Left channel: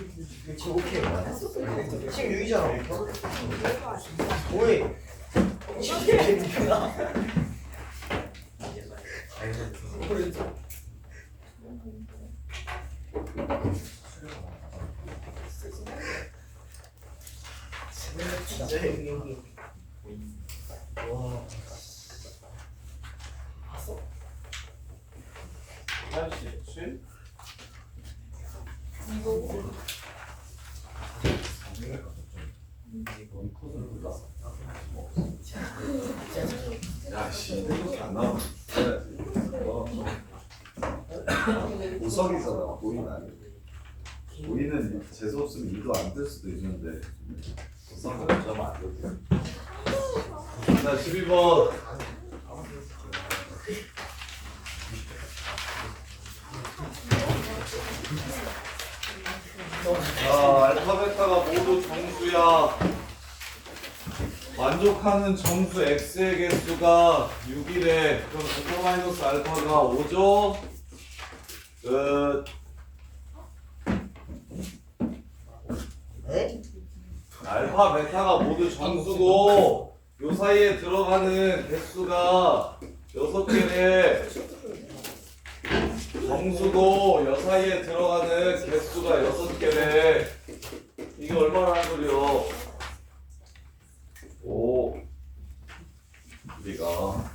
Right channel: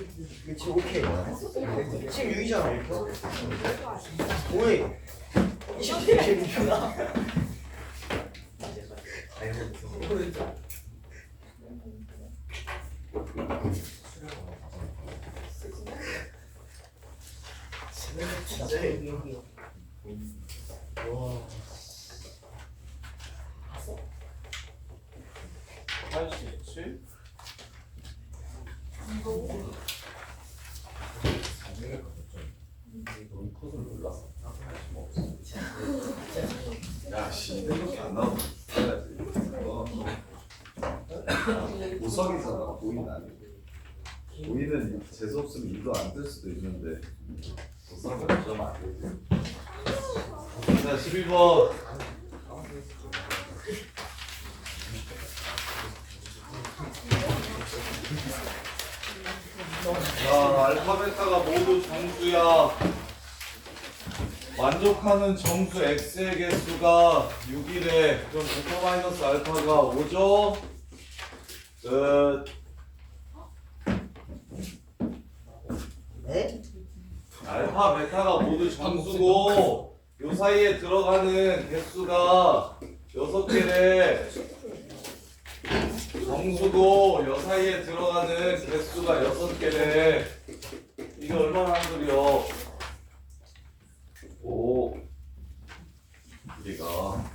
지금 오케이. 지금 6이잖아. 오이. 26이구나. 진짜 행복이야. 와. 봤어? 87? 야씨 이렇게 안 나와. 우석이잖아. 보인 아니고. 보이는 재수 없으면 일도 안 뜰 수도 있는데. 우석은 좀 안 돼. 자 12번. 자 알파 베타가 모두 정수야. 만족하는 정수 x의 개수가 6이래. 그럼 베타 마이너스 알파가 5죠? 끝. 네? 알파 베타가 모두 정수고 요 사이에 들어가는 개수가 6개래. 정수고 요 사이에 들어가는 개수가 6개래. 이게 얼마나 한글이요? 5 우리가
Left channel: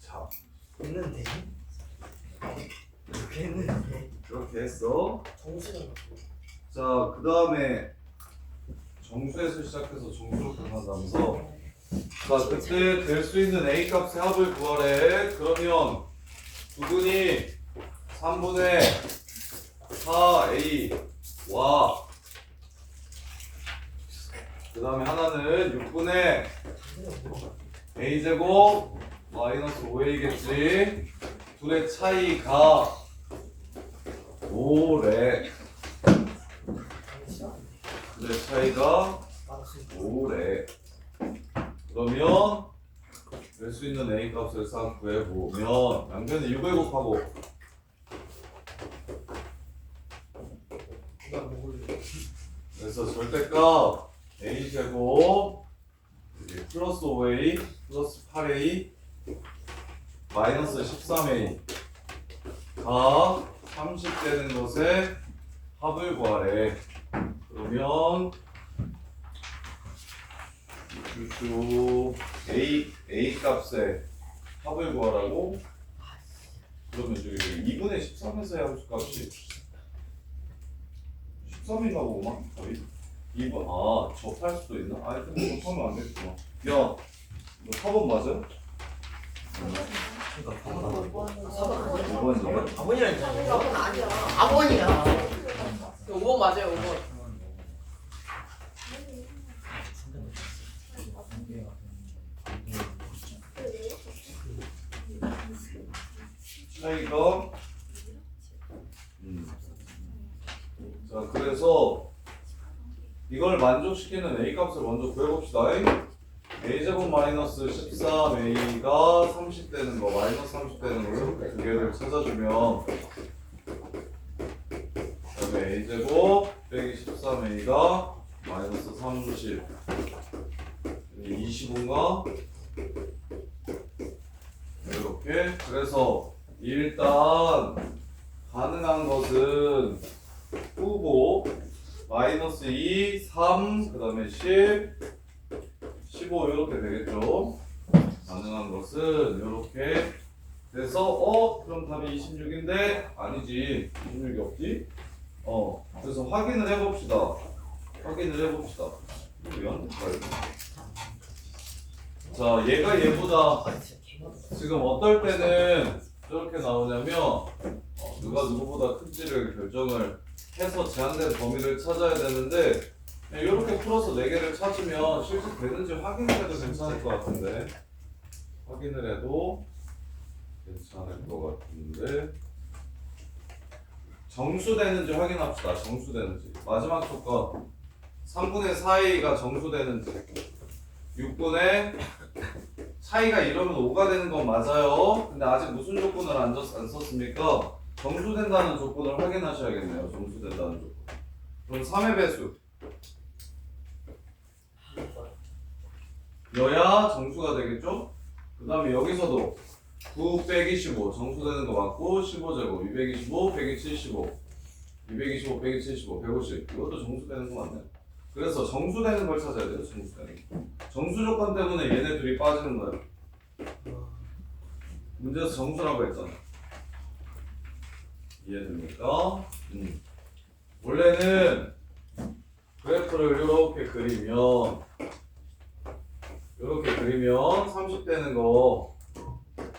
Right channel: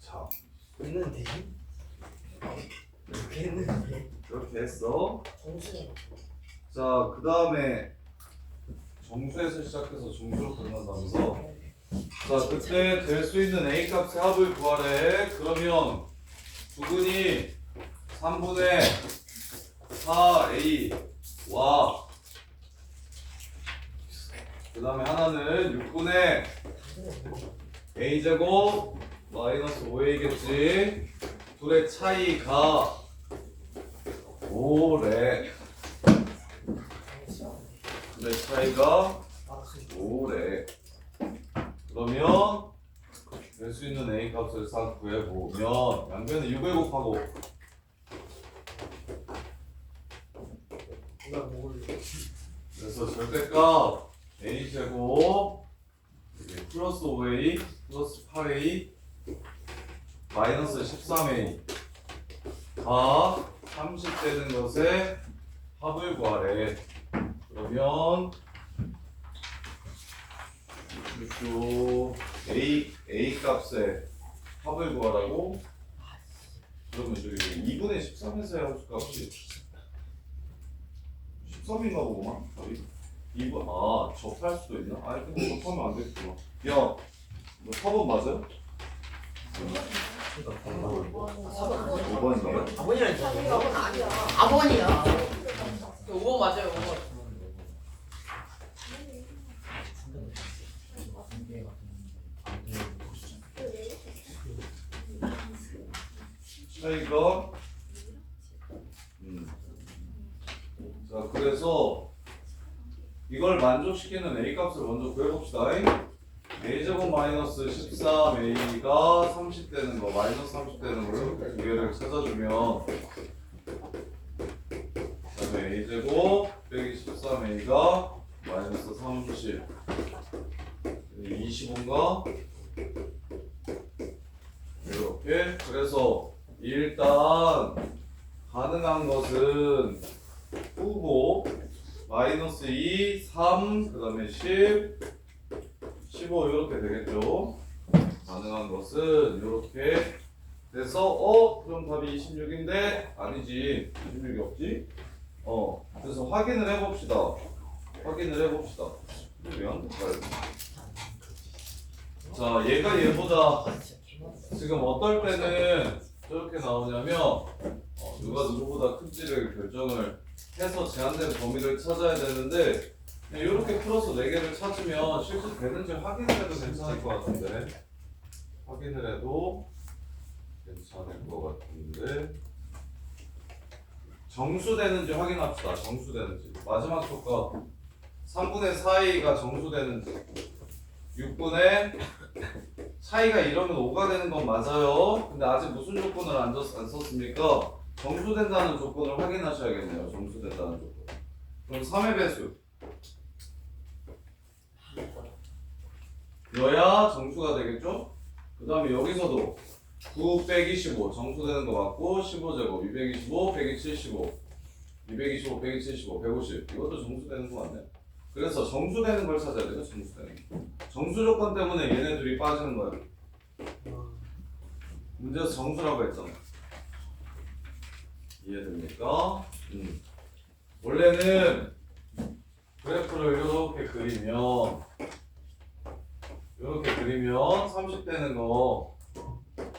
자 했는데. 이렇게 했는데. 그렇게 했어. 정수가 자 그 다음에 정수에서 시작해서 정수로 끝난다면서. 자 그때 될 수 있는 a 값의 합을 구하래. 그러면 두근이 3분의 4a와 그 다음에 하나는 6분의 a제곱 마이너스 5a겠지. 둘의 차이가 5래. 둘의 차이가 5래. 그러면 될 수 있는 a 값을 싹 구해보면 양변에 6을 곱하고 그래서 절대값 a제곱 플러스 5a 플러스 8a 마이너스 13a 가 30 되는 것에 합을 구하래. 그러면 쭉 a 값에 합을 구하라고. 그러면 저기 2분의 13에서의 합값이 13인가 보구만. 답이 2분 접할 수도 있나? 아니 근데 접하면 안 되겠구나. 야, 너 4번 맞아? 5번이야? 4번이라니까. 4번 아니야. 4번이야. 5번 맞아요, 5번. 차이가 자 그래서 이걸 만족시키는 a 값을 먼저 구해봅시다. a제곱 마이너스 13a가 30 되는 거 마이너스 30 되는 거 이렇게 두 개를 찾아주면 그다음에 a제곱 빼기 13a가 마이너스 30 25인가? 이렇게. 그래서 일단 가능한 것은 후보 마이너스 2, 3, 그 다음에 10, 15 이렇게 되겠죠. 가능한 것은 이렇게 돼서 그럼 답이 26인데 아니지. 26이 없지? 그래서 확인을 해봅시다. 이건 자 얘가 얘보다 지금 어떨 때는 저렇게 나오냐면 누가 누구보다 큰지를 결정을 해서 제한된 범위를 찾아야 되는데 이렇게 풀어서 4개를 찾으면 실제 되는지 확인을 해도 괜찮을 것 같은데 정수되는지 확인합시다. 정수되는지 마지막 조건 3분의 4a가 정수되는지 6분의 차이가 이러면 5가 되는 건 맞아요. 근데 아직 무슨 조건을 안 썼습니까? 정수된다는 조건을 확인하셔야겠네요. 정수된다는 조건. 그럼 3의 배수 여야 정수가 되겠죠? 그 다음에 여기서도 9 빼기 15 정수되는 거 맞고 15제곱 225 빼기 75 225 빼기 75 150 이것도 정수되는 거 맞네. 그래서 정수되는 걸 찾아야 돼요. 정수되는 거. 정수 조건 때문에 얘네 둘이 빠지는 거예요. 문제에서 정수라고 했잖아. 이해됩니까? 원래는 그래프를 이렇게 그리면 30 되는 거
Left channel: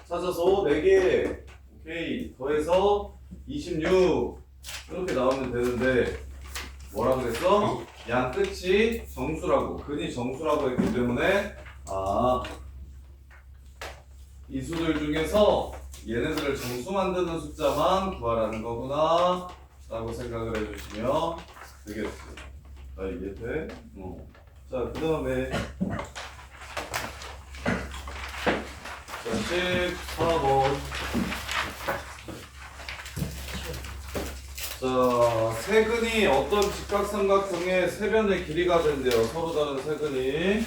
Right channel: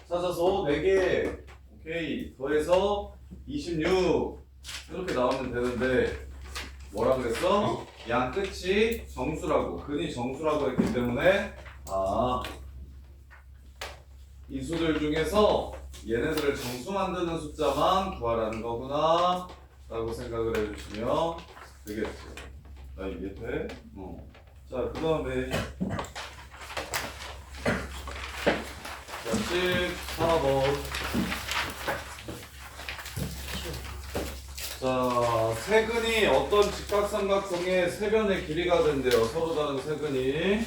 찾아서 4개 오케이 더해서 26 이렇게 나오면 되는데 뭐라 그랬어? 양 끝이 정수라고 근이 정수라고 했기 때문에 이 수들 중에서 얘네들을 정수 만드는 숫자만 구하라는 거구나 라고 생각을 해주시면 되겠지. 이해돼? 자, 그 다음에 자, 14번 자, 세근이 어떤 직각삼각형의 세변의 길이가 된대요. 서로 다른 세근이.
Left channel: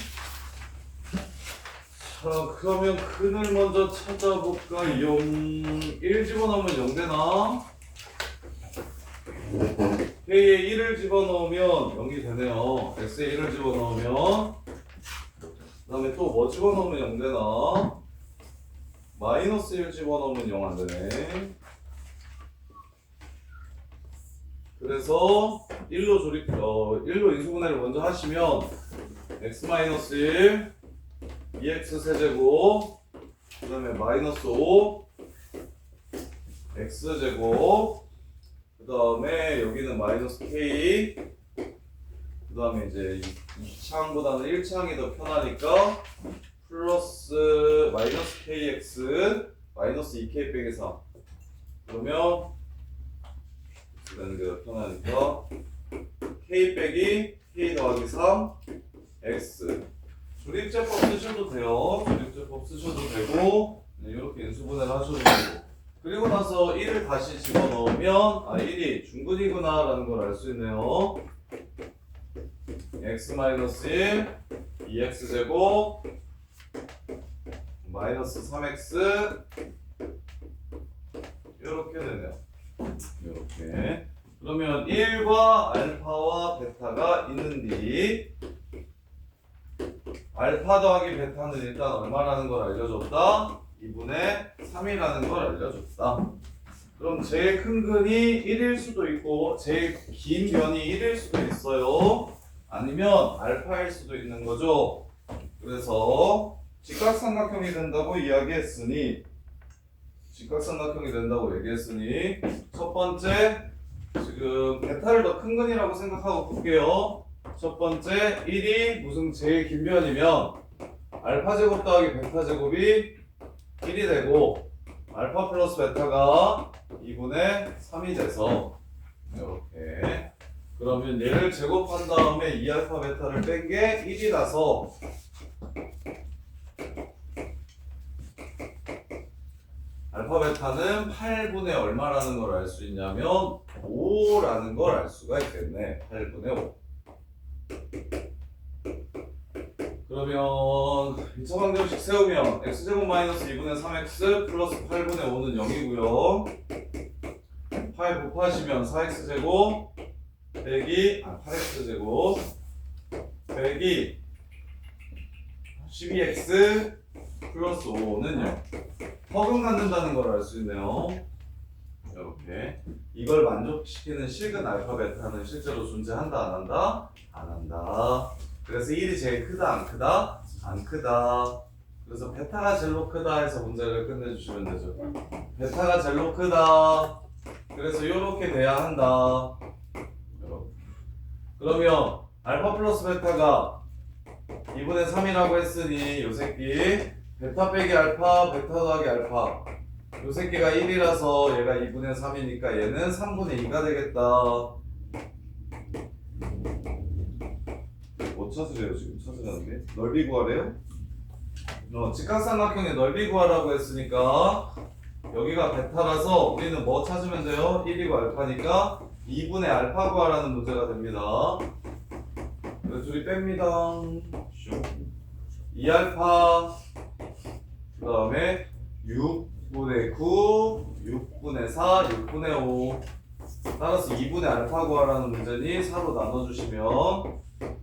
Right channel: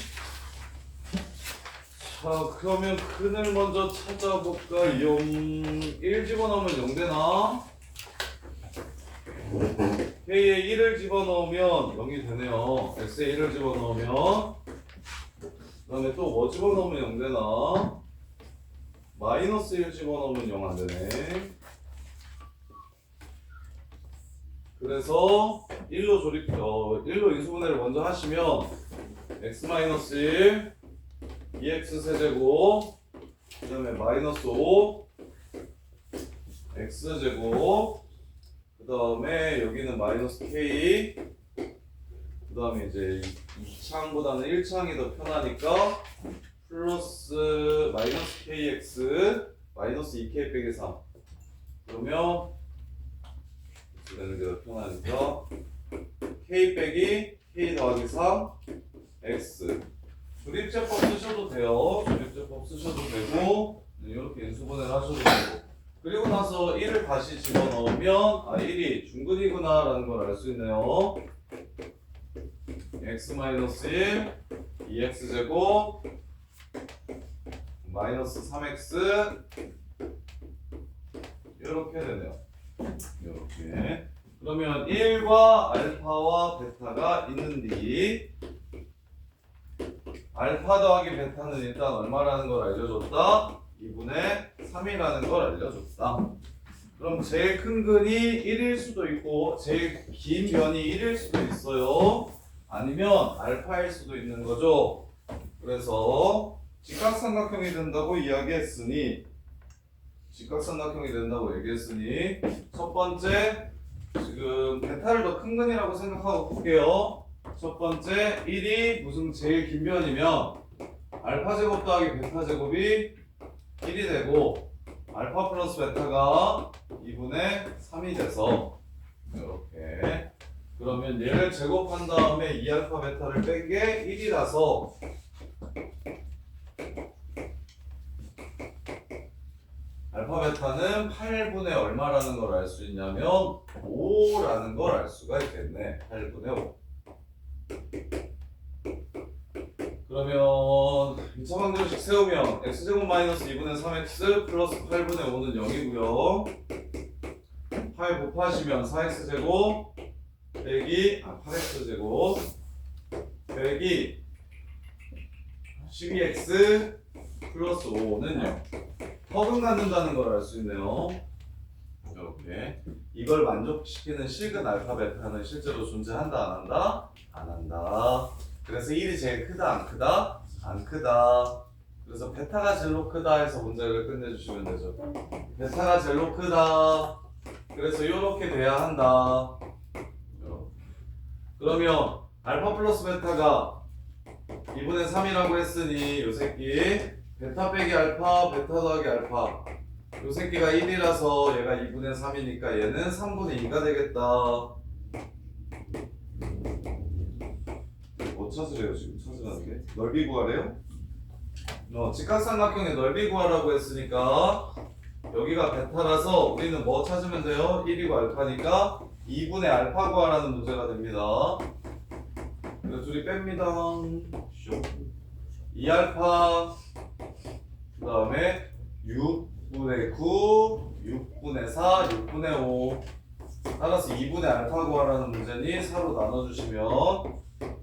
자, 그러면 근을 먼저 찾아볼까? 1 집어넣으면 0 되나? K에 1을 집어넣으면 0이 되네요. X에 1을 집어넣으면 그 다음에 또 뭐 집어넣으면 0 되나? 마이너스 1 집어넣으면 0 안 되네. 그래서 1로 인수분해를 먼저 하시면 x-1 2x 세제곱 그 다음에 마이너스 5 x제곱 그 다음에 여기는 마이너스 k 그 다음에 이제 2창보다는 1창이 더 편하니까 플러스 마이너스 kx 마이너스 2k 빼기 3 그러면 되는 게 더 편하니까 k 빼기 k 더하기 3 x 조립제법 쓰셔도 돼요. 조립제법 쓰셔도 되고 이렇게 인수분해를 하셔도 되고 그리고 나서 1을 다시 집어넣으면 1이 중근이구나 라는 걸 알 수 있네요. x-1 2x제곱 마이너스 3x 이렇게 되네요. 이렇게 그러면 1과 알파와 베타가 있는디 알파 더하기 베타는 일단 얼마라는 걸 알려줬다. 2분의 3이라는 걸 알려줬다. 그럼 제일 큰 근이 1일 수도 있고 제일 긴 변이 1일 수도 있어요. 아니면 알파일 수도 있는 거죠. 그래서 직각삼각형이 된다고 이야기했으니 첫 번째 지금 베타를 더 큰 근이라고 생각하고 볼게요. 첫 번째 1이 무슨 제일 긴 변이면 알파 제곱 더하기 베타 제곱이 1이 되고 알파 플러스 베타가 2분의 3이 돼서 이렇게 그러면 얘를 제곱한 다음에 2알파 베타를 뺀 게 1이라서 알파 베타는 8분의 얼마라는 걸 알 수 있냐면 5라는 걸 알 수가 있겠네. 8분의 5. 그러면 2차 방정식 세우면 x제곱 마이너스 2분의 3x 플러스 8분의 5는 0이고요. 8 곱하시면 4x제곱 빼기 8x제곱 빼기 12x 플러스 5는 0. 허금 갖는다는 걸 알 수 있네요. 이렇게 이걸 만족시키는 실근 알파 베타는 실제로 존재한다 안 한다? 안 한다. 그래서 1이 제일 크다 안 크다? 안 크다. 그래서 베타가 제일로 크다 해서 문제를 끝내주시면 되죠. 베타가 제일로 크다. 그래서 이렇게 돼야 한다. 이렇게. 그러면 알파 플러스 베타가 2분의 3이라고 했으니 요 새끼 베타 빼기 알파 베타 더하기 알파 요 새끼가 1이라서 얘가 2분의 3이니까 얘는 3분의 2가 되겠다. 뭐 찾으래요 지금? 찾으라는 게? 넓이 구하래요? 직각삼각형의 넓이 구하라고 했으니까 여기가 베타라서 우리는 뭐 찾으면 돼요? 1이고 알파니까 2분의 알파 구하라는 문제가 됩니다. 그래서 둘이 뺍니다. 2알파 그 다음에 6분의 9, 6분의 4, 6분의 5 따라서 2분의 알파 구하라는 문제니 4로 나눠주시면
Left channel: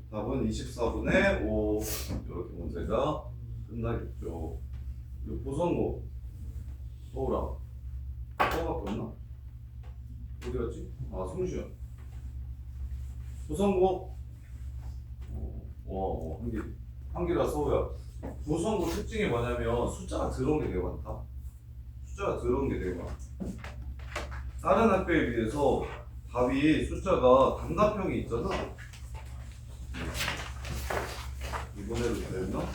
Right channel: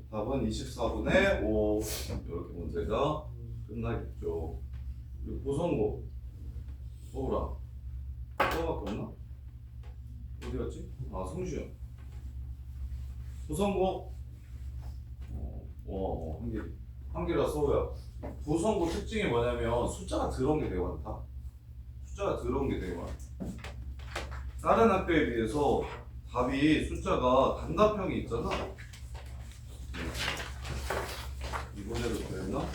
답은 24분의 5 이렇게 문제가 끝나겠죠. 부성고 뭐라? 뭐밖에 없나? 어디 갔지? 아 성주현 부성고 한기라 서우야. 부성고 특징이 뭐냐면 숫자가 들어온 게 되게 많다. 숫자가 들어온 게 되게 많아. 다른 학교에 비해서 답이 숫자가 단답형이 있잖아. 이번에도 그랬나?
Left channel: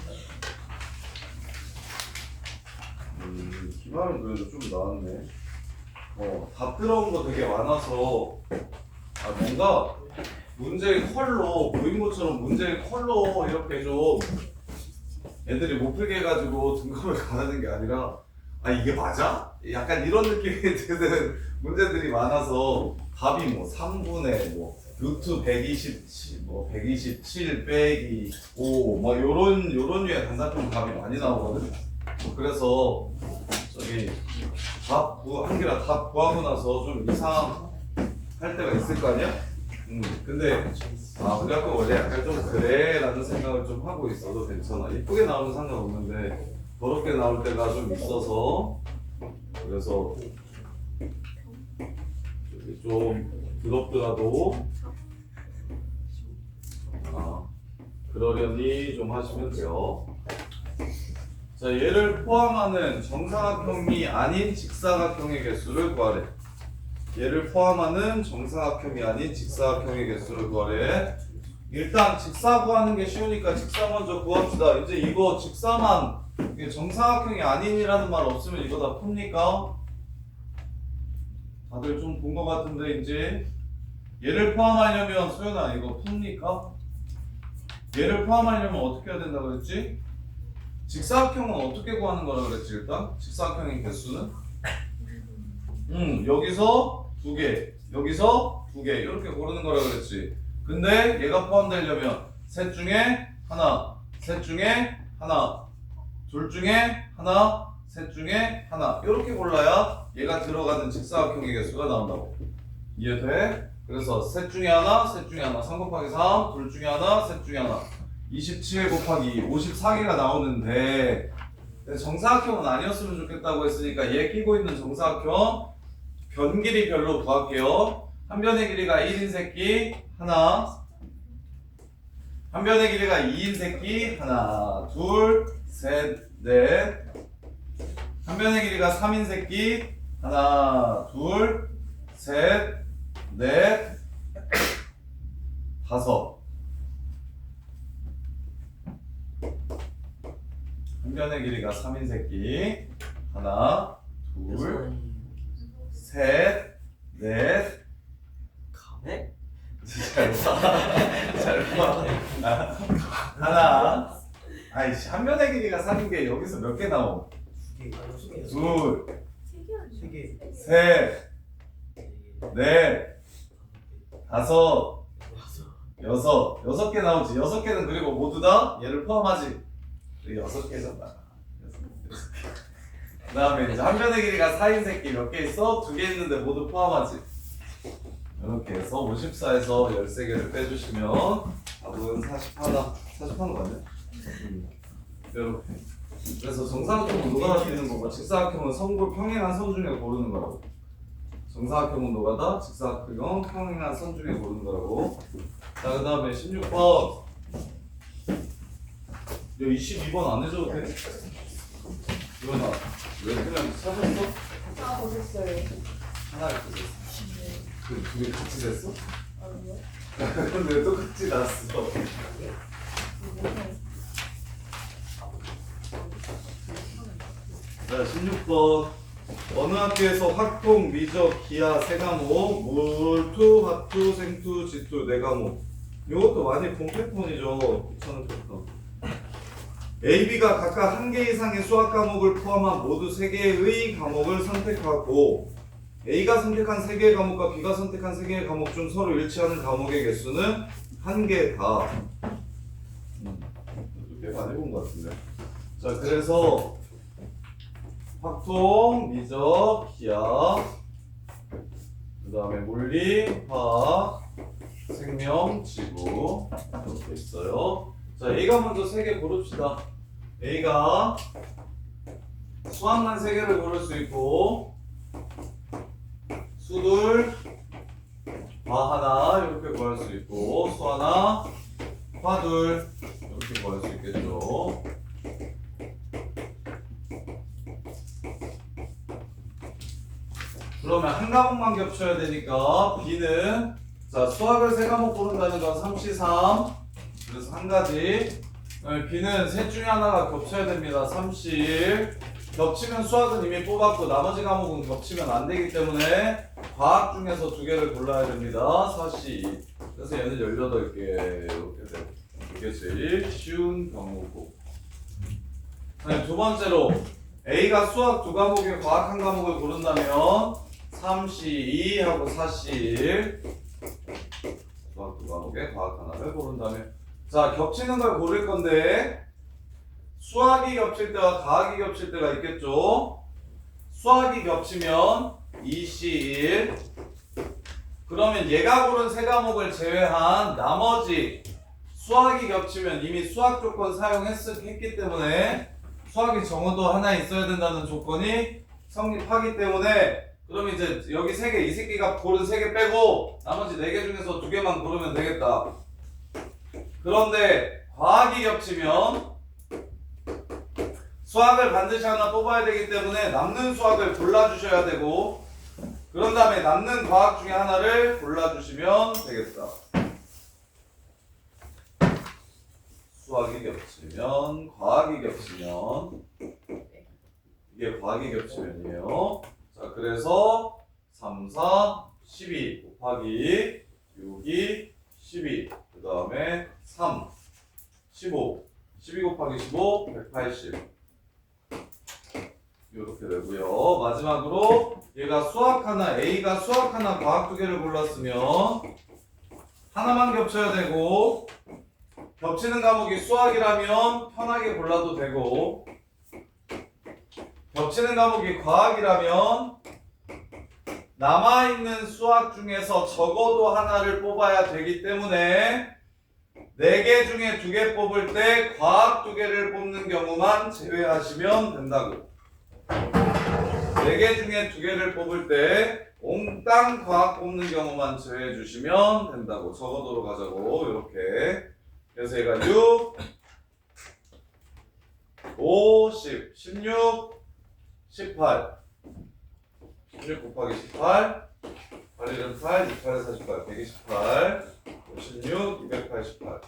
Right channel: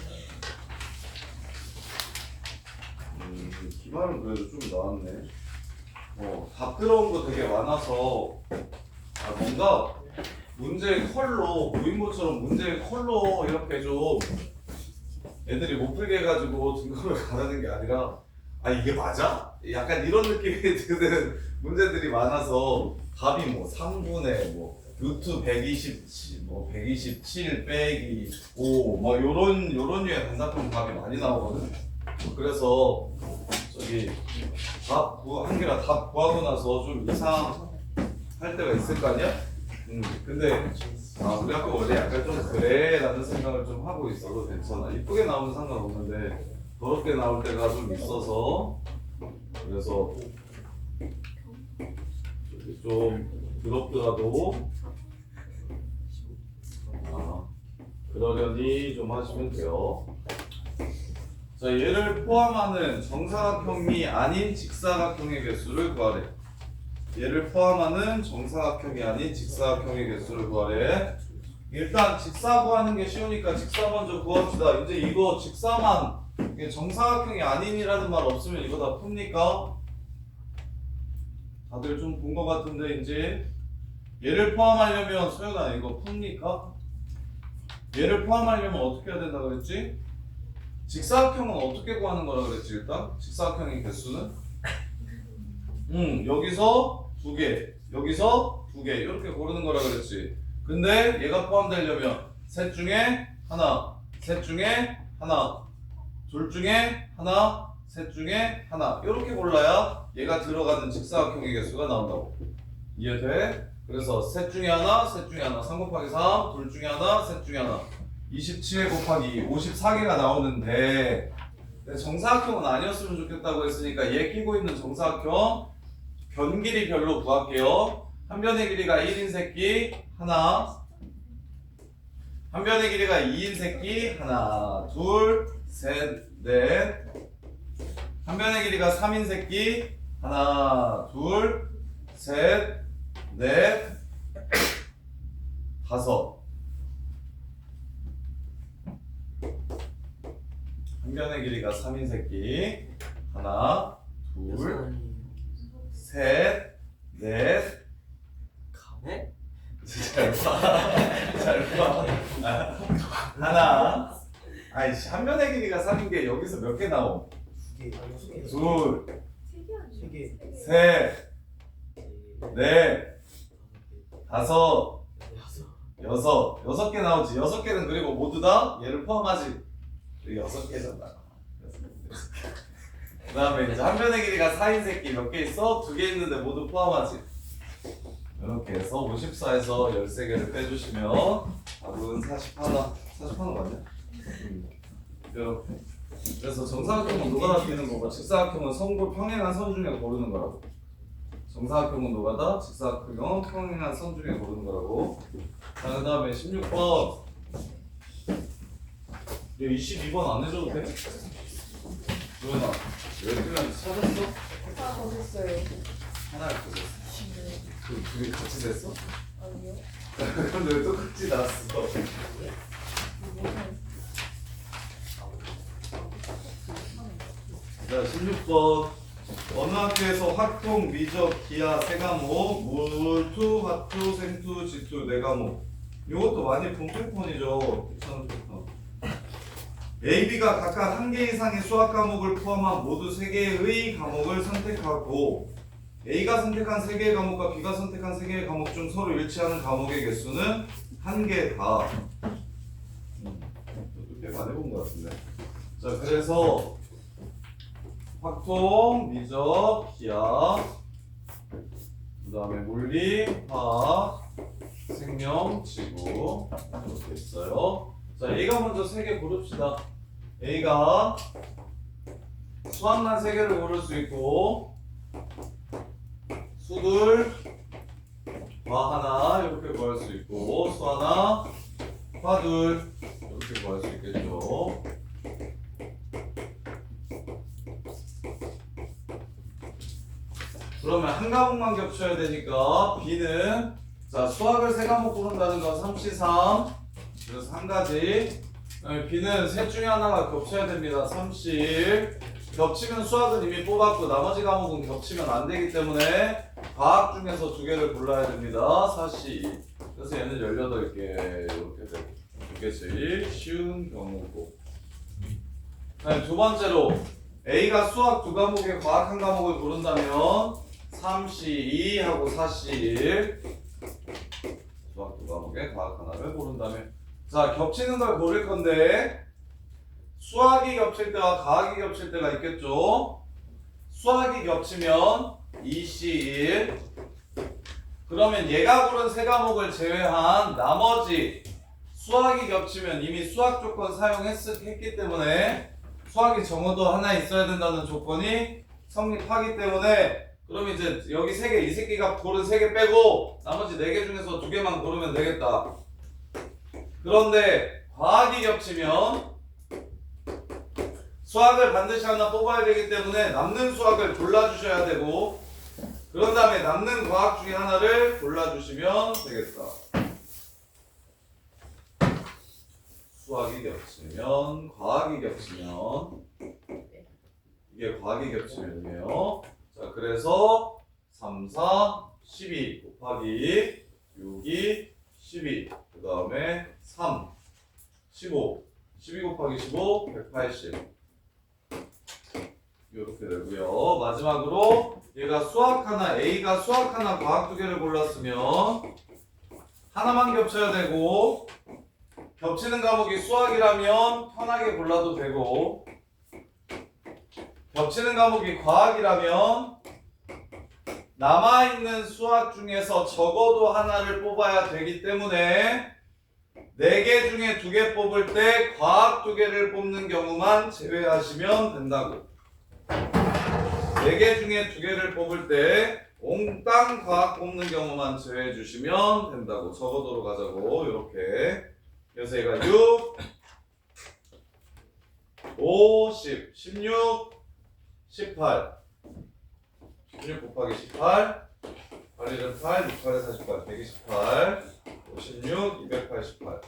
기말은 그래도 좀 나왔네. 답 들어온 거 되게 많아서 뭔가 문제의 컬러 보인 것처럼 문제의 컬러 이렇게 좀 애들이 못 풀게 해가지고 등급을 가르는 게 아니라 이게 맞아? 약간 이런 느낌이 드는 문제들이 많아서 답이 뭐 3분의 뭐 루트 127 뭐 127 빼기 5 뭐 요런 류의 단답형 답이 많이 나오거든. 그래서 저기 한개라 답 구하고 나서 좀 이상할 때가 있을 거 아니야? 근데 우리 학교 원래 약간 좀 그래 라는 생각을 좀 하고 있어도 괜찮아. 이쁘게 나오면 상관없는데 더럽게 나올 때가 좀 있어서 그래서 좀 더럽더라도 그러려니 좀 하시면 돼요. 자, 얘를 포함하는 정사각형이 아닌 직사각형의 개수를 구하래. 얘를 포함하는 정사각형이 아닌 직사각형의 개수를 구하래. 일단 직사 구하는 게 쉬우니까 직사 먼저 구합시다. 이제 이거 직사만 정사각형이 아닌이라는 말 없으면 이거 다 풉니까? 다들 좀 본 것 같은데 이제 얘를 포함하려면 소연아 이거 풉니까? 얘를 포함하려면 어떻게 해야 된다 그랬지? 직사각형은 어떻게 구하는 거라 그랬지 일단? 직사각형의 개수는? 여기서 2개, 여기서 2개 이렇게 고르는 거라 그랬지. 근데 얘가 포함되려면 셋 중에 하나, 셋 중에 하나, 둘 중에 하나, 셋 중에 하나 이렇게 골라야 얘가 들어가는 직사각형의 개수가 나온다고. 이해돼? 그래서 셋 중에 하나, 셋 중에 하나 3 곱하기 3, 둘 중에 하나, 셋 중에 하나 27 곱하기 2, 54개가 나오는데 정사각형은 아니었으면 좋겠다고 했으니까 얘 끼고 있는 정사각형 변 길이 별로 구할게요. 한 변의 길이가 1인 새끼 하나, 한 변의 길이가 2인 새끼 하나, 둘, 셋, 넷, 한 변의 길이가 3인 새끼 하나, 둘, 셋, 넷, 다섯. 한 변의 길이가 3인 새끼 하나, 둘, 셋, 넷. 가네? 잘 봐. 하나. 아이씨, 한 변의 길이가 3인 게 여기서 몇 개 나옴? 2개, 둘, 3개, 셋, 넷, 다섯, 여섯 개 나오지. 6개는 그리고 모두 다 얘를 포함하지. 6개잖아. 그 다음에 이제 한 변의 길이가 4인 새끼 몇 개 있어? 2개 있는데 모두 포함하지. 이렇게 해서 54에서 13개를 빼주시면 답은 40하는 거 아니야? 이렇게. 그래서 정사각형은 노가다 뛰는 거고 직사각형은 선골 평행한 선 중에 고르는 거라고. 정사각형은 노가다, 직사각형은 평행한 선 중에 고르는 거라고. 자, 그 다음에 16번. 22번 안 해줘도 돼? 유연아, 왜 그냥 찾았어? 다 보셨어요. 하나를 찾았어. 그 둘이 같이 됐어? 아니요. 근데 왜 똑같이 나왔어? 자, 16번. 어느 학교에서 학동, 미적, 기하 3과목, 물투, 화투, 생투, 지투 4과목. 이것도 많이 본 패턴이죠. 귀찮은 패턴. A, B가 각각 한 개 이상의 수학 과목을 포함한 모두 3개의 과목을 선택하고 A가 선택한 3개의 과목과 B가 선택한 3개의 과목 중 서로 일치하는 과목의 개수는 1개다. 꽤 많이 본 것 같은데. 자, 그래서 확통, 미적, 기하, 그 다음에 물리, 화학, 생명, 지구 이렇게 있어요. 자, A가 먼저 3개 고릅시다. A가 수학만 3개를 고를 수 있고 수둘, 화 하나 이렇게 구할 수 있고 수 하나, 화둘 이렇게 구할 수 있겠죠. 그러면 한 과목만 겹쳐야 되니까 B는 자 수학을 3과목 고른다는 건 3C3 그래서 한 가지 B는 셋 중에 하나가 겹쳐야 됩니다. 3C1 겹치면 수학은 이미 뽑았고 나머지 과목은 겹치면 안 되기 때문에 과학 중에서 2개를 골라야 됩니다. 4C2 그래서 얘는 18개 이렇게 돼. 이게 제일 쉬운 경우고 두 번째로 A가 수학 2과목에 과학 1과목을 고른다면 3C2하고 4C1 수학 2과목에 과학 하나를 고른다면 자 겹치는 걸 고를 건데 수학이 겹칠 때와 과학이 겹칠 때가 있겠죠. 수학이 겹치면 2C1 그러면 얘가 고른 3과목을 제외한 나머지 수학이 겹치면 이미 수학 조건 사용했기 때문에 수학이 적어도 하나 있어야 된다는 조건이 성립하기 때문에 그럼 이제 여기 3개, 이 새끼가 고른 3개 빼고 나머지 4개 중에서 2개만 고르면 되겠다. 그런데 과학이 겹치면 수학을 반드시 하나 뽑아야 되기 때문에 남는 수학을 골라주셔야 되고 그런 다음에 남는 과학 중에 하나를 골라주시면 되겠다. 수학이 겹치면 과학이 겹치면 이게 과학이 겹치면이에요. 자 그래서 3, 4, 12 곱하기 6이 12 그 다음에 3, 15 12 곱하기 15 180 이렇게 되고요. 마지막으로 얘가 수학 하나 A가 수학 하나 과학 2개를 골랐으면 하나만 겹쳐야 되고 겹치는 과목이 수학이라면 편하게 골라도 되고 겹치는 과목이 과학이라면 남아있는 수학 중에서 적어도 하나를 뽑아야 되기 때문에 4개 중에 2개 뽑을 때 과학 2개를 뽑는 경우만 제외하시면 된다고. 4개 중에 2개를 뽑을 때 옹땅 과학 뽑는 경우만 제외해 주시면 된다고. 적어도로 가자고. 이렇게. 그래서 얘가 6, 5, 10, 16, 18 16 곱하기 18 8일은 8, 68에 48, 128 56, 288 18,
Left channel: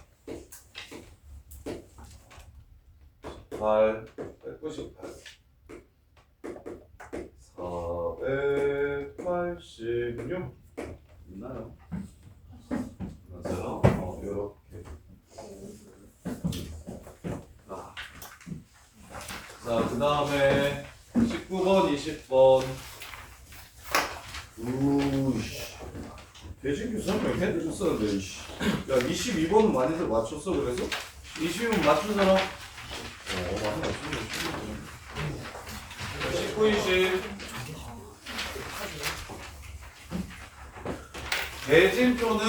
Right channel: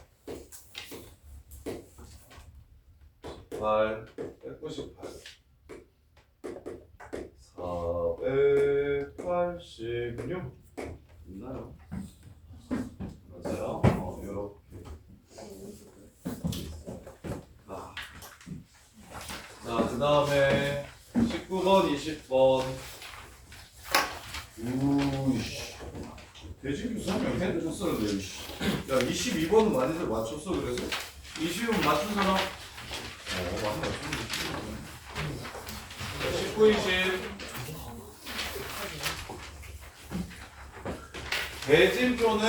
198 486 있나요? 맞아요? 요렇게 자, 그 다음에 19번, 20번 우이씨. 대진교 설명 해드렸었는데, 이씨. 야, 22번은 많이들 맞췄어, 그래서? 22번 맞춘 사람? 많이 맞췄네. 19, 20 대진표는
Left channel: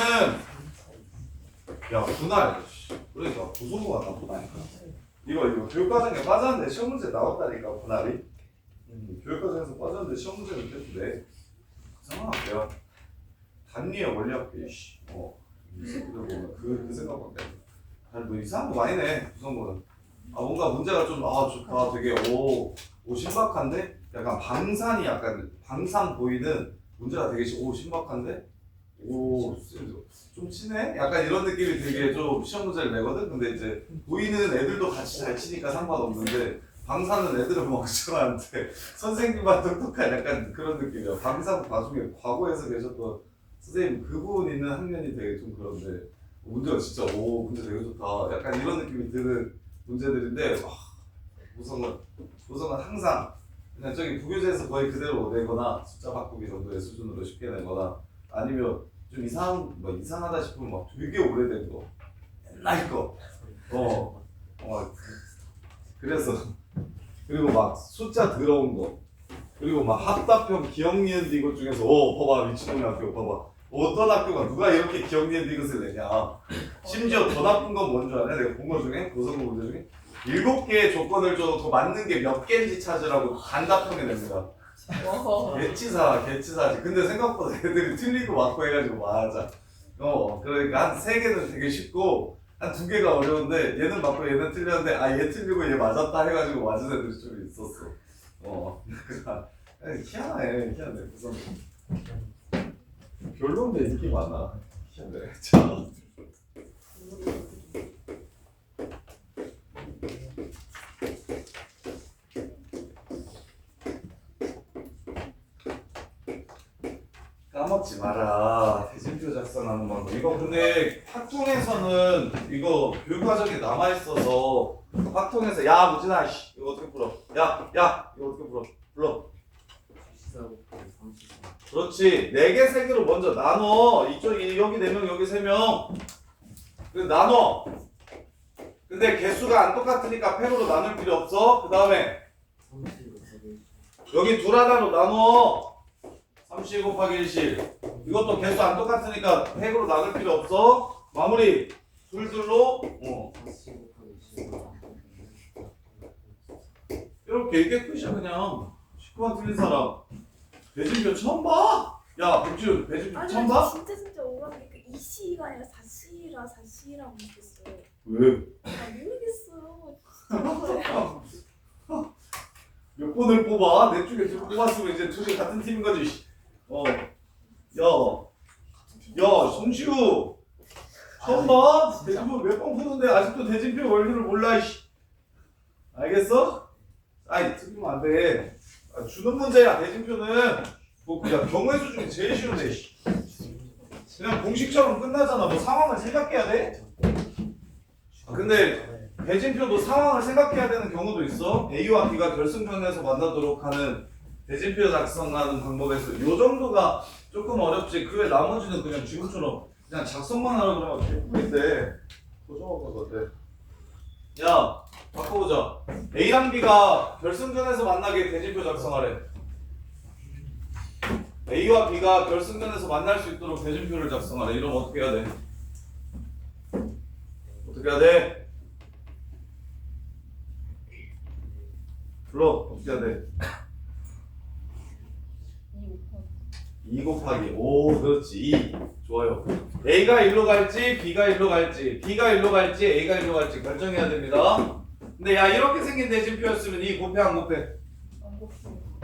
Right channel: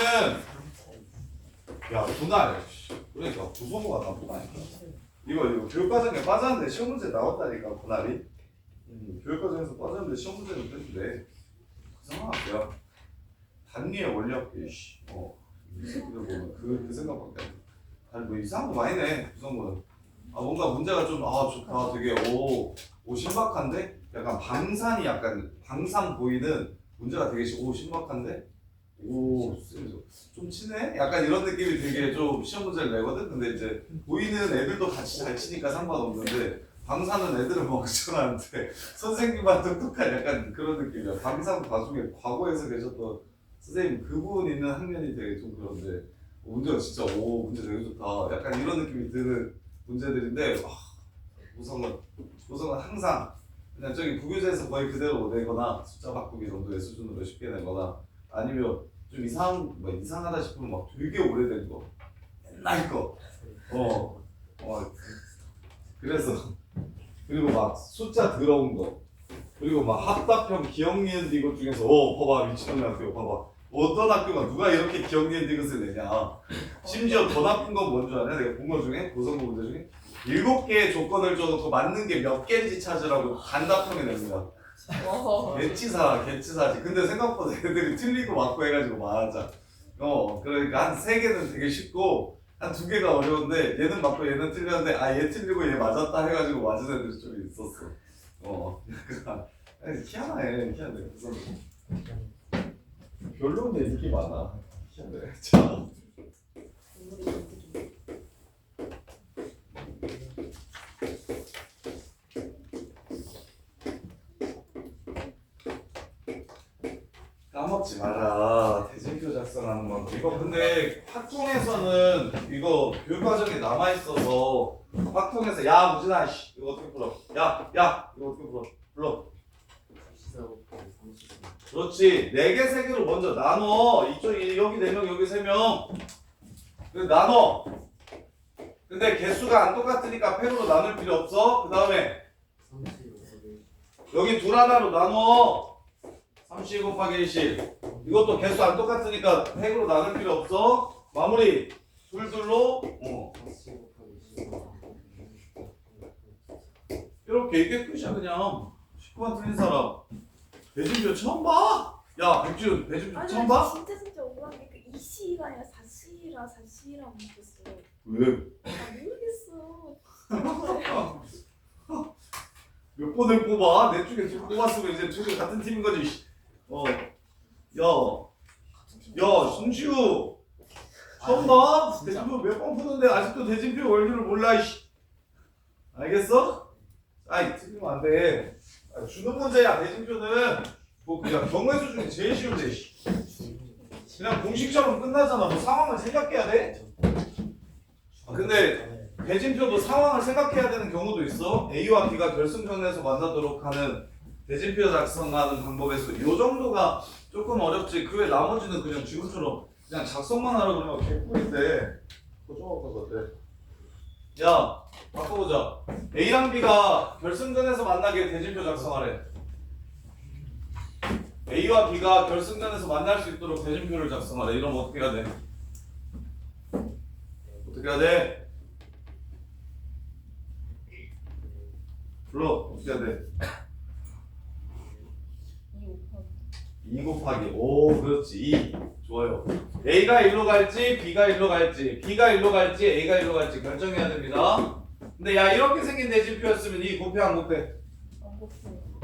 야, 분할. 그러니까, 구성부가 나쁘다니까. 이거 교육과정에 빠졌는데 시험 문제 나왔다니까, 분할이. 교육과정에서 빠졌는데 시험 문제는 됐는데. 이상하게요. 단위의 원리학교, 이씨. 이 새끼들 보면 그 생각밖에 안 돼. 아니, 뭐 이상한 거 많이 내, 구성부는. 뭔가 문제가 좀, 좋다. 되게, 신박한데? 약간 방산이 약간, 방산 보이는 문제가 되게, 신박한데? 좀 치네? 약간 이런 느낌이 되게 좀 시험 문제를 내거든? 근데 이제 보이는 애들도 같이 잘 치니까 상관없는데 방사는 애들은 멍청한데 선생님만 똑똑한 약간 그런 느낌이야. 방사 나중에 과거에서 계셨던 선생님 그분 있는 학년이 되게 좀 그런데 문제가 진짜 문제 되게 좋다. 약간 이런 느낌이 드는 문제들인데 고성은 항상 그냥 저기 부교재에서 거의 그대로 내거나 숫자 바꾸기 정도의 수준으로 쉽게 내거나 아니면 좀 이상하다 싶으면 막 되게 오래된 거 옛날 거 그래서 그리고 막 숫자 더러운 거 그리고 막 합답형 기억 니은 디귿 중에서 봐봐 미친놈의 학교 봐봐 어떤 학교가 누가 이렇게 기억 니은 디귿을 내냐 심지어 더 나쁜 건 뭔 줄 아냐 내가 본 거 중에 고성고 문제 중에 7개의 조건을 줘놓고 맞는 게 몇 개인지 찾으라고 단답형에 냅니다. 개치사지. 근데 생각보다 애들이 틀리고 맞고 해가지고 맞아. 그러니까 한 3개는 되게 쉽고 한 2개가 어려운데 얘는 맞고 얘는 틀렸는데 얘 틀리고 얘 맞았다 해가지고 맞은 애들이 좀 있었어. 희한해. 그래서 별로인데 인기 많아. 희한해. 자. 까먹지 마라. 대진표 작성하는 건 이거 근데 학통에서는 이거 교육과정에 남아있어서 학통에서 야 무진아 이거 어떻게 풀어 야 이거 어떻게 불러 그렇지 4개 3개로 먼저 나눠 이쪽 여기 4명 여기 3명 그래 나눠 근데 개수가 안 똑같으니까 팩으로 나눌 필요 없어 그 다음에 여기 둘 하나로 나눠 3C 곱하기 1C 이것도 개수 안 똑같으니까 팩으로 나눌 필요 없어 마무리 둘로 이렇게 이게 끝이야 그냥 19번 틀린 사람 배진표 처음 봐? 야 백준 배진표 처음 봐? 진짜 오라니까 2C가 아니라 4C라고 느꼈어. 왜? 모르겠어. 몇 번을 뽑아? 내 쪽에 좀 뽑았으면 이제 둘이 같은 팀인 거지. 야, 손시우 처음 봐? 대진표 몇 번 푸는데 아직도 대진표 원리를 몰라. 알겠어? 틀리면 안 돼. 주는 문제야. 대진표는 그냥 경우의 수 중에 제일 쉬운데. 그냥 공식처럼 끝나잖아. 뭐 상황을 생각해야 돼? 근데 대진표도 상황을 생각해야 되는 경우도 있어. A와 B가 결승전에서 만나도록 하는 대진표 작성하는 방법에서 이 정도가 조금 어렵지. 그 외 나머지는 그냥 지금처럼 그냥 작성만 하라 그러면 개꿀인데. 그거 어때? 야, 바꿔보자. A랑 B가 결승전에서 만나게 대진표 작성하래. A와 B가 결승전에서 만날 수 있도록 대진표를 작성하래. 이러면 어떻게 해야 돼? 어떻게 해야 돼? 불러. 어떻게 해야 돼? 2 곱하기. 오, 그렇지. 2. 좋아요. A가 1로 갈지, B가 1로 갈지, B가 1로 갈지, A가 1로 갈지 결정해야 됩니다. 근데 야, 이렇게 생긴 대진표였으면 이 곱해 안 곱해?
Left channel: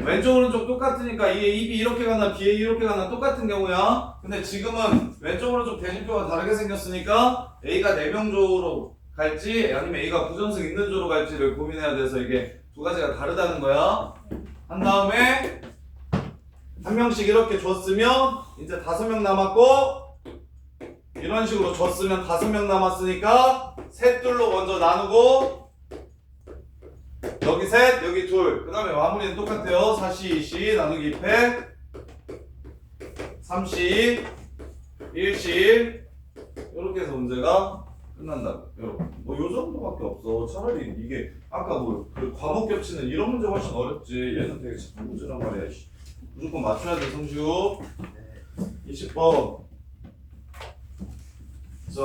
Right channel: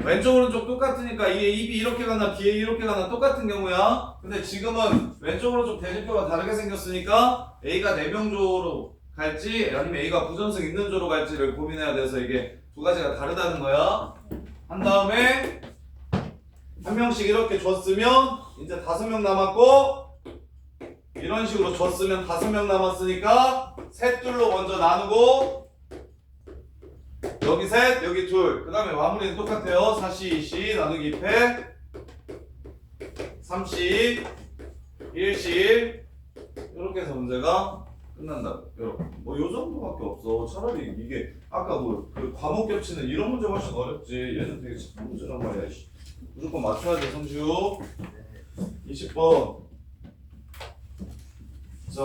왼쪽 오른쪽 똑같으니까 이에 입이 이렇게 가나 B에 이렇게 가나 똑같은 경우야. 근데 지금은 왼쪽 오른쪽 대진표가 다르게 생겼으니까 A가 4명 조로 갈지 아니면 A가 부전승 있는 조로 갈지를 고민해야 돼서 이게 두 가지가 다르다는 거야. 한 다음에 한 명씩 이렇게 줬으면 이제 5명 남았고 이런 식으로 줬으면 5명 남았으니까 셋 둘로 먼저 나누고 여기 셋 여기 둘 그 다음에 마무리는 똑같아요. 4C 2C 나누기 2패 3C 1C 1 이렇게 해서 문제가 끝난다고. 뭐 요 정도밖에 없어. 차라리 이게 아까 그 과목 겹치는 이런 문제 훨씬 어렵지. 얘는 되게 작은 문제란 말이야. 무조건 맞춰야 돼. 성시우 20번. 자,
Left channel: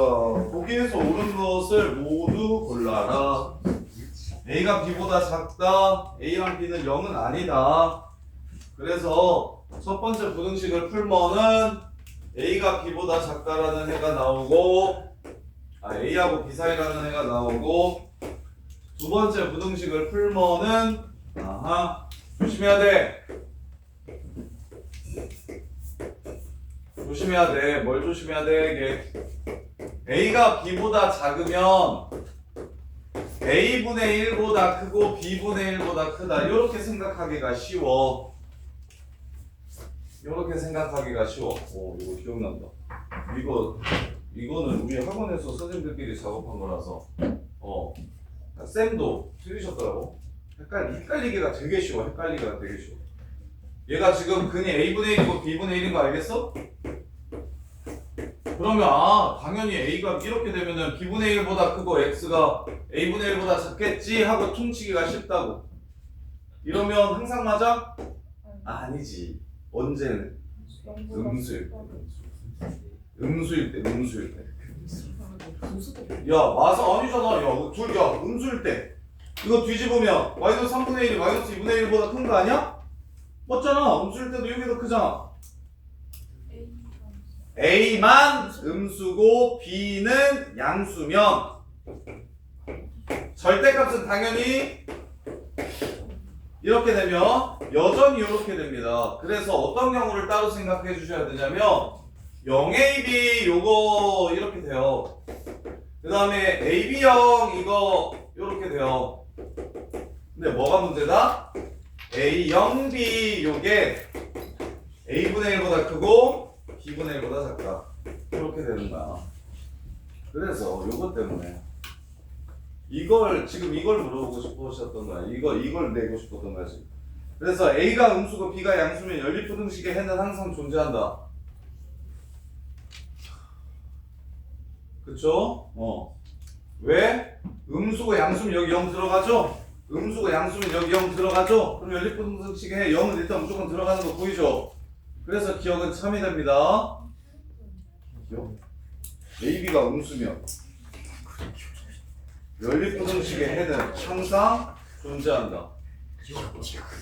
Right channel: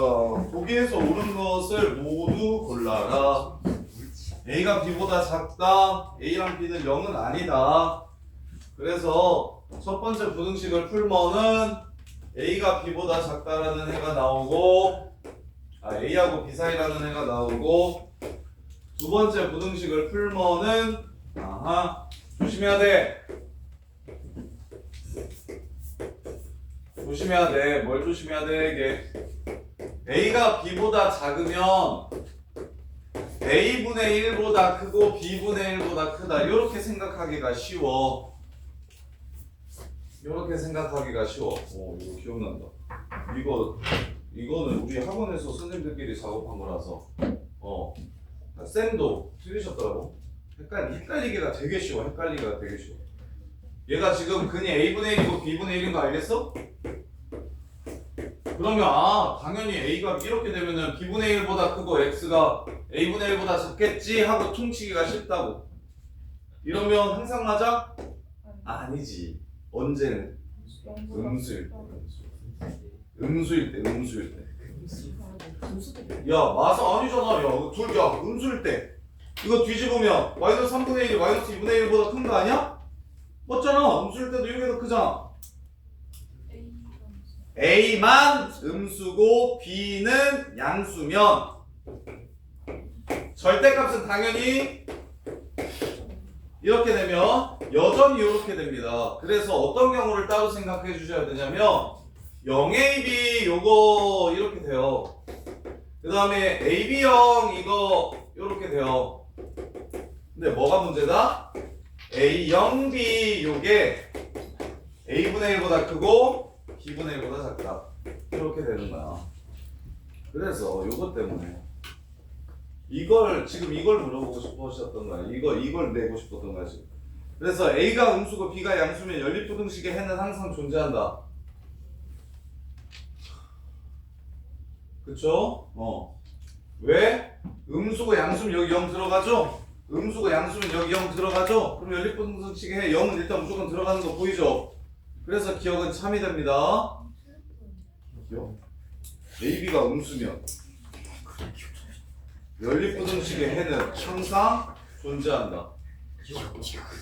보기에서 옳은 것을 모두 골라라. A가 B보다 작다. A랑 B는 0은 아니다. 그래서 첫 번째 부등식을 풀면은 A가 B보다 작다라는 해가 나오고 A하고 B 사이라는 해가 나오고 두 번째 부등식을 풀면은 조심해야 돼. 조심해야 돼. 뭘 조심해야 돼? 이게 A가 B보다 작으면 A분의 1보다 크고 B분의 1보다 크다. 이렇게 생각하기가 쉬워. 이렇게 생각하기가 쉬워. 오, 이거 기억난다. 이거는 우리 학원에서 선생님들끼리 작업한 거라서 쌤도 틀리셨더라고. 헷갈리기가 되게 쉬워. 헷갈리기가 되게 쉬워. 얘가 지금 근이 a분의 1이고 b분의 1인 거 알겠어? 그러면 당연히 a가 이렇게 되면은 b분의 1보다 크고 x가 a분의 1보다 작겠지 하고 퉁치기가 쉽다고. 이러면 항상 맞아? 아니지. 언제는? 음수일 때. 음수일 때. 야 마사 아니잖아. 야 둘 다 음수일 때. 이거 뒤집으면 마이너스 3분의 1이 마이너스 2분의 1보다 큰 거 아니야? 맞잖아. 음수일 때도 이게 더 크잖아. A만 음수고 B는 양수면 절대값은 당연히 이렇게 되면 여전히 이렇게 됩니다. 그래서 어떤 경우를 따로 생각해 주셔야 되냐면 0AB 요거 이렇게 돼요. 그 다음에 AB0 이거 이렇게 돼요. 근데 뭐가 문제다? A0B 요게 A분의 1보다 크고 B분의 1보다 작다. 이렇게 되는 거야. 그래서 요것 때문에 지금 이걸 물어보고 싶으셨던 거야. 이걸 내고 싶었던 거지. 그래서 A가 음수고 B가 양수면 연립부등식의 해는 항상 존재한다. 그쵸? 왜? 음수고 양수면 여기 0 들어가죠? 음수고 양수면 여기 0 들어가죠? 그럼 연립부등식의 해 0은 일단 무조건 들어가는 거 보이죠? 그래서 기억은 참이 됩니다. AB가 음수면 연립부등식의 해는 항상 존재한다.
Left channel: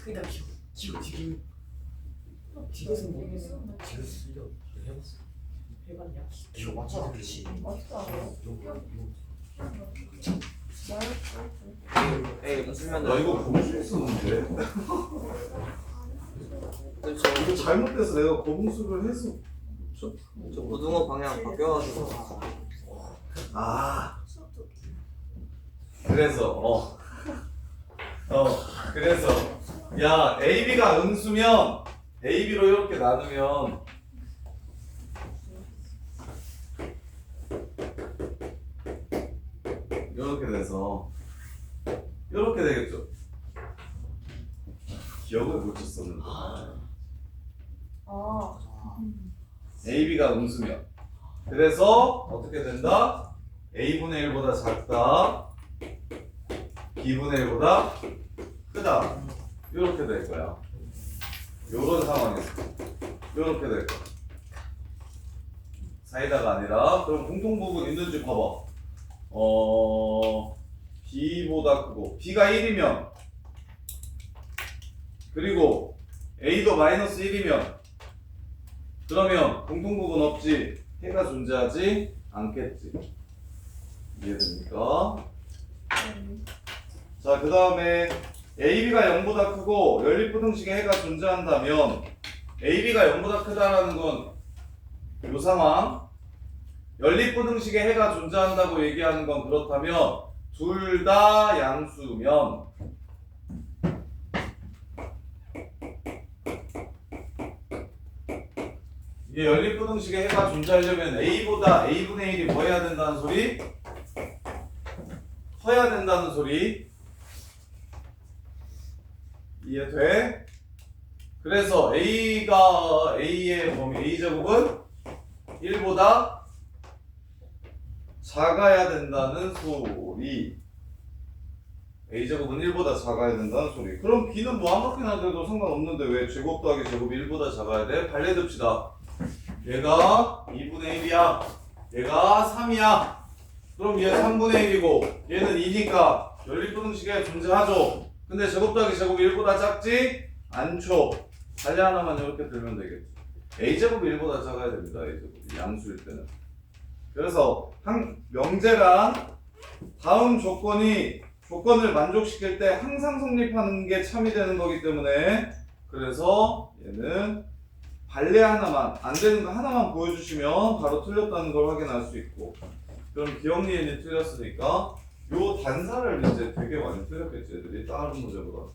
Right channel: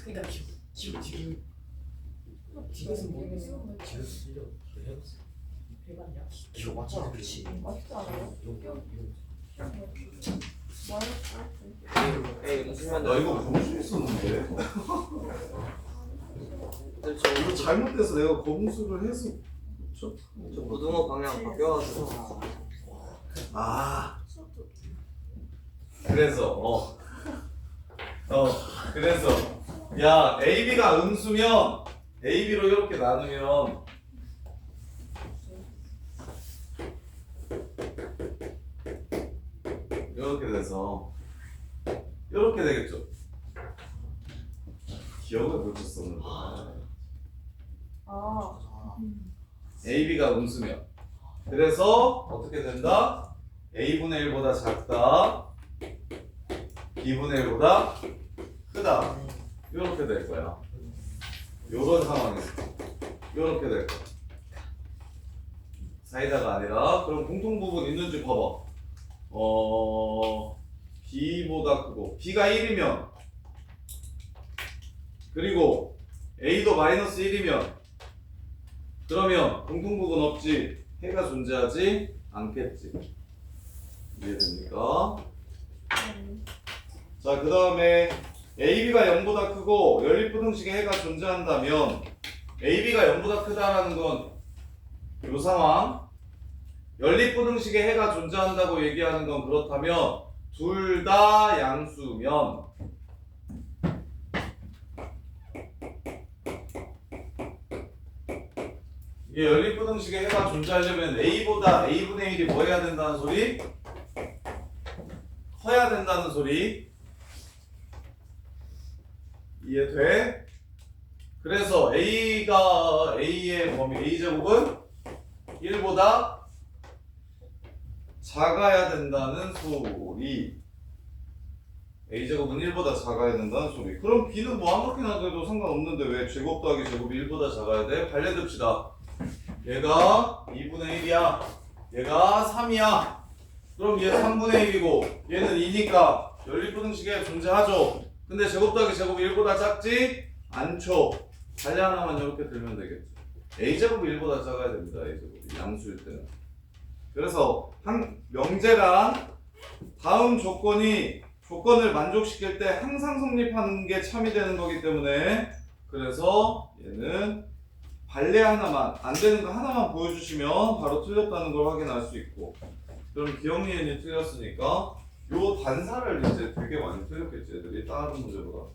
그러니까 지금 뭐 해봤어. 해봤냐? 기억 맞잖아, 그렇지. 맞지 않아요? 나 이거 검수 했었는데. 이거 잘못돼서 내가 검수를 해서. 저 고등어 방향 바뀌어가지고 그래서 야 AB가 음수면 AB로 이렇게 나누면 이렇게 돼서 이렇게 되겠죠. 기억을 못 했었는데 AB가 음수면 그래서 어떻게 된다? A분의 1보다 작다 B분의 1보다 크다 이렇게 될 거야. 요런 상황에서 이렇게 될 거야. 사이다가 아니라 그럼 공통부분 있는지 봐봐. B보다 크고 B가 1이면 그리고 A도 마이너스 1이면 그러면 공통부분 없지 해가 존재하지 않겠지. 이해됩니까? 자, 그 다음에 AB가 0보다 크고 연립부등식의 해가 존재한다면 AB가 0보다 크다라는 건 이 상황 연립부등식의 해가 존재한다고 얘기하는 건 그렇다면 둘 다 양수면 이게 연립부등식의 해가 존재하려면 A보다 A분의 1이 뭐 해야 된다는 소리? 커야 된다는 소리 이해돼? 그래서 A가 A의 범위 A제곱은 1보다 작아야 된다는 소리. A제곱은 1보다 작아야 된다는 소리. 그럼 B는 뭐 아무렇게나 돼도 상관없는데 왜 제곱 더하기 제곱이 1보다 작아야 돼? 발레듭시다. 얘가 2분의 1이야. 얘가 3이야. 그럼 얘 3분의 1이고 얘는 2니까 연립부등식에 존재하죠. 근데 제곱 더하기 제곱이 1보다 작지? 않죠. 발레 하나만 이렇게 들면 되겠지. A제곱이 1보다 작아야 됩니다. A제곱이 양수일 때는. 그래서 명제랑 다음 조건을 만족시킬 때 항상 성립하는 게 참이 되는 거기 때문에 그래서 얘는 발레 하나만 안 되는 거 하나만 보여주시면 바로 틀렸다는 걸 확인할 수 있고 그럼 기억리엔이 틀렸으니까 요 단사를 이제 되게 많이 틀렸겠지 애들이 다른 문제보다.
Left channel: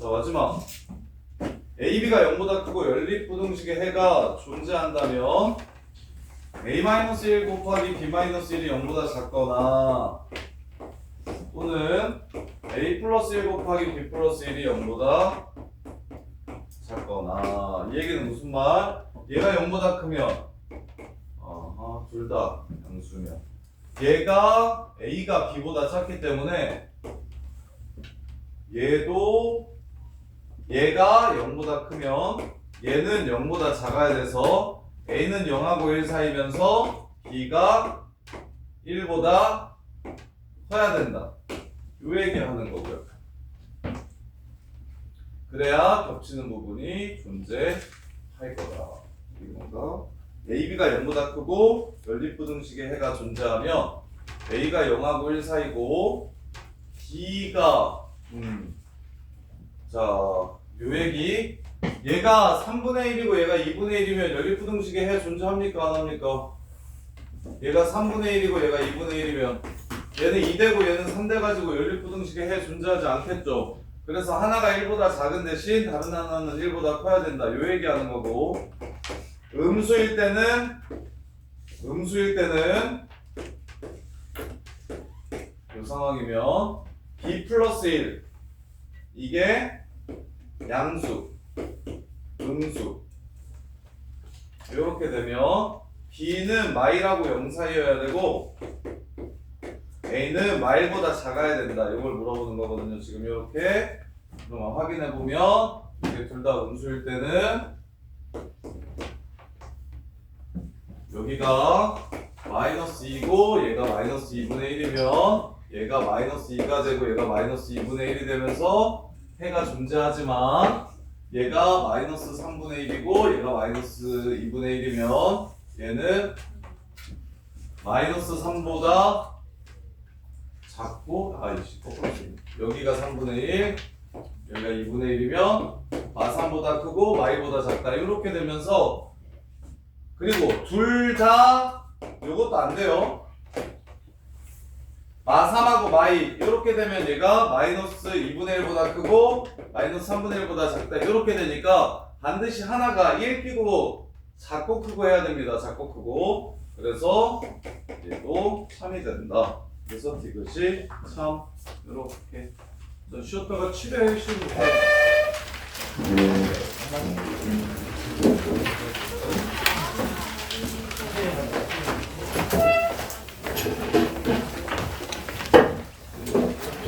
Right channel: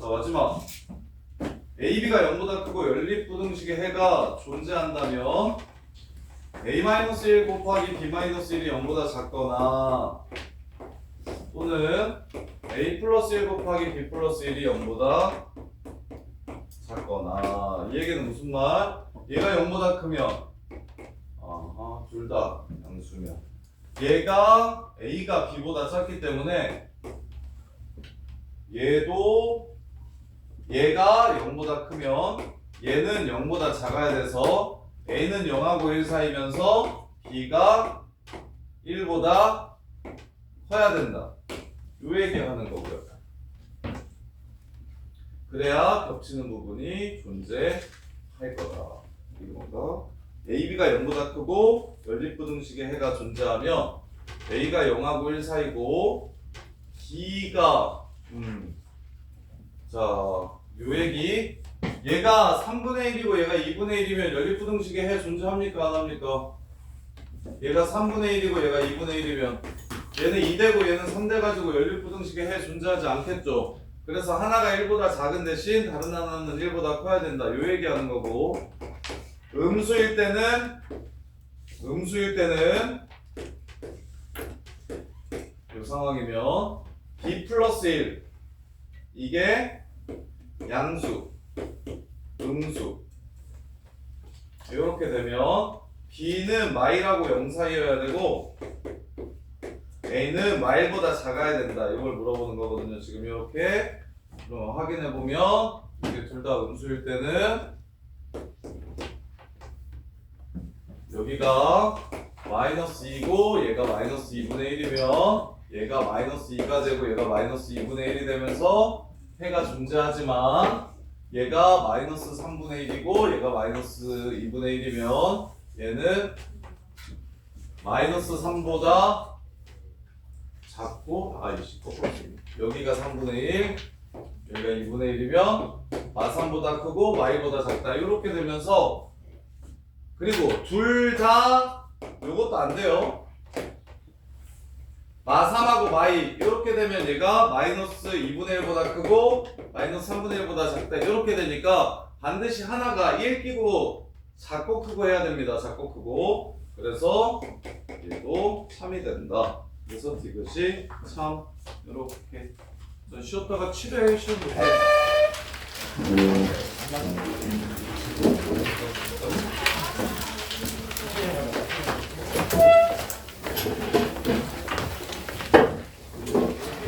자 마지막 AB가 0보다 크고 연립부등식의 해가 존재한다면 A-1 곱하기 B-1이 0보다 작거나 또는 a 플러스 1 곱하기 b 플러스 1이 0보다 작거나 이 얘기는 무슨 말? 얘가 0보다 크면 둘 다 양수면 얘가 a가 b보다 작기 때문에 얘도 얘가 0보다 크면 얘는 0보다 작아야 돼서 a는 0하고 1 사이면서 b가 1보다 커야 된다. 요 얘기하는 거고요. 그래야 겹치는 부분이 존재할 거다. 이게 뭔가? AB가 0보다 크고 연립부등식의 해가 존재하면 A가 0하고 1 사이고 B가 자, 요 얘기 얘가 3분의 1이고 얘가 2분의 1이면 연립부등식의 해 존재합니까? 안 합니까? 얘가 3분의 1이고 얘가 2분의 1이면 얘는 2되고 얘는 3돼 가지고 연립부등식의 해 존재하지 않겠죠. 그래서 하나가 1보다 작은 대신 다른 하나는 1보다 커야 된다. 요 얘기하는 거고 음수일 때는 요 상황이면 b 플러스 1 이게 양수, 음수 이렇게 되면 b는 마일하고 0 사이여야 되고 a는 마일보다 작아야 된다. 이걸 물어보는 거거든요. 지금 이렇게 확인해 보면 이게 둘 다 음수일 때는 여기가 마이너스 2고 얘가 마이너스 2분의 1이면 얘가 마이너스 2가 되고 얘가 마이너스 2분의 1이 되면서 해가 존재하지만 얘가 마이너스 3분의 1이고 얘가 마이너스 2분의 1이면 얘는 마이너스 3보다 작고 여기가 3분의 1 여기가 2분의 1이면 마3보다 크고 마이보다 작다. 이렇게 되면서 그리고 둘 다 요것도 안 돼요. 마3하고 마이 이렇게 되면 얘가 마이너스 2분의 1보다 크고 마이너스 3분의 1보다 작다. 이렇게 되니까 반드시 하나가 1 끼고 작고 크고 해야 됩니다. 작고 크고. 그래서 얘도 3이 된다. 그래서 이것이 3 이렇게 전 쉬었다가 7회 쉬면 돼요.